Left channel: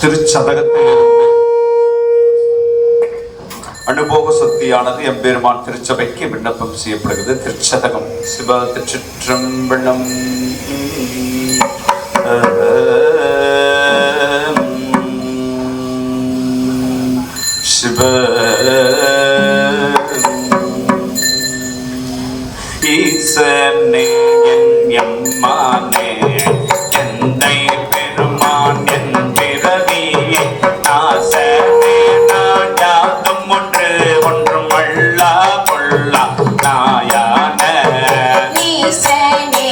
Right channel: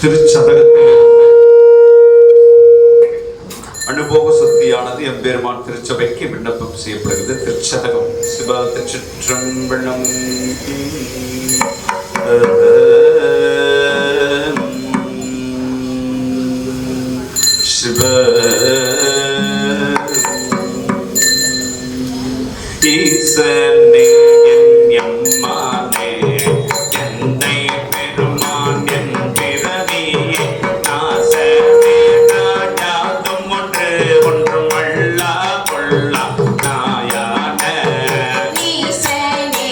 திருச்சதகத்தில் அனுபவ சக்தியானது எம்பெருமான் திருச்சபைக்கு விண்ணப்பம் செய்யப்படுகிறது. திருச்சதகம். சிவ திருச்சிற்றம்பலம். சிவ ஈசனே எம்மானே என்னை பெருமான் என்றிரவியே நாசனே நான் யாதும் ஒன்றும் அல்லா கொள்ளா நாயான ஈசனே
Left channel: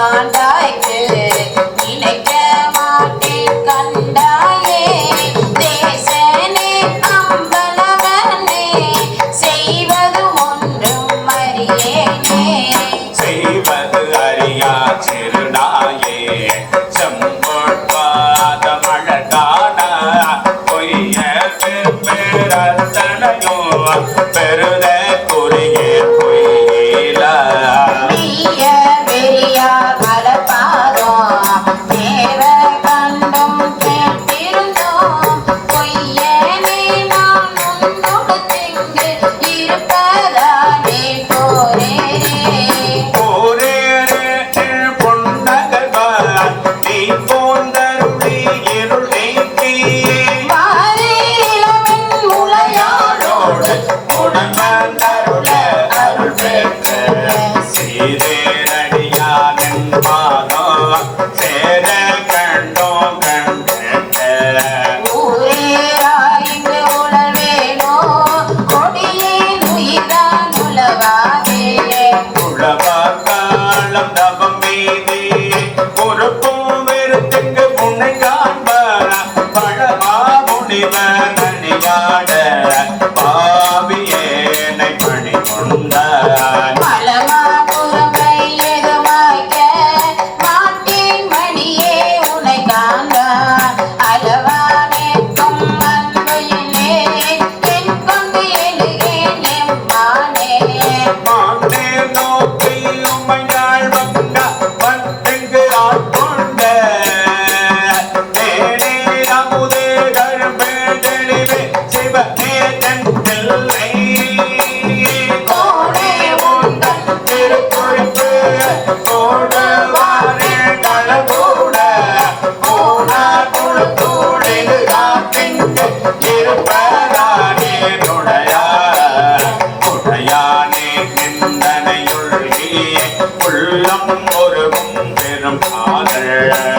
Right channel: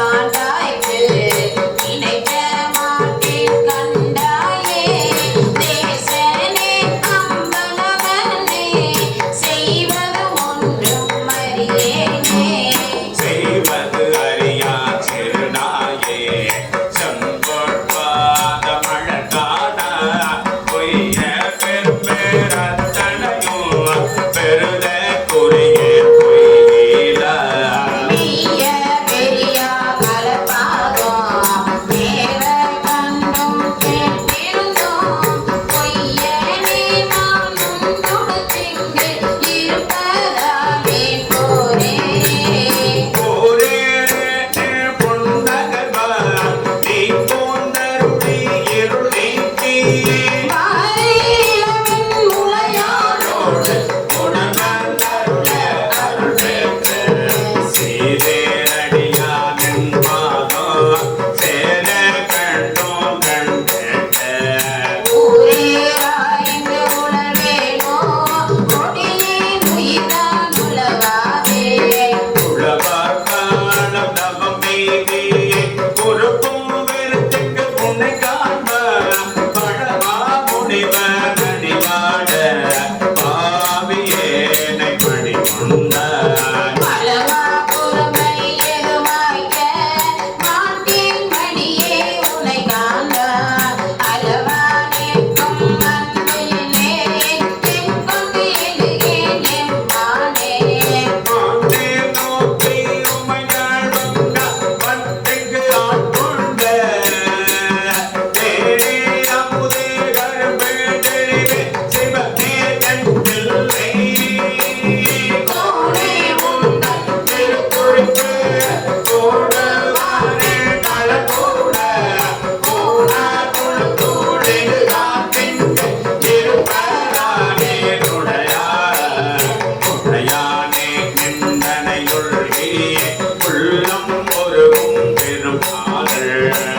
ஆண்டாய்க்கு நினைக்க மாட்டேன் கண்டாயே தேசனே அம்பலவனே செய்வது ஒன்றும் அறியேனே செய்வது அறியா சிறுநாயே செம்பொற்பாத மழதானா பொய்ய பெருத்தனையோ பெருத குறிய பொய்யில நீய பெரியா மலபாதம் தேவ கண்டும் கேட்டிருந்தோம் பொய்யனே நான் உன்னோடு திங்கு இருப்பதானே போரேனே வாரேலவின் முளையாரோடு ஊரேராய்ந்து உலவேனோ கொடியே உயிர்தான் உலவாவே பலமாபுரமை எதுமாய்க்க நாட்டின் மணியே உனை காண்பான் அளவானேக்கும் அன்புயிலே என் கொண்டு எழுகேன் எம்மானே கோடே உந்தன் திருக்குறிப்பு ஓடுவாரில் தளபோட ஓடா துளுத்தோடு காத்திங்கு இருப்பதானே துணையானே நிந்தனையுள்ளியே உள்ளம் ஒருவும் பெரும் காதல்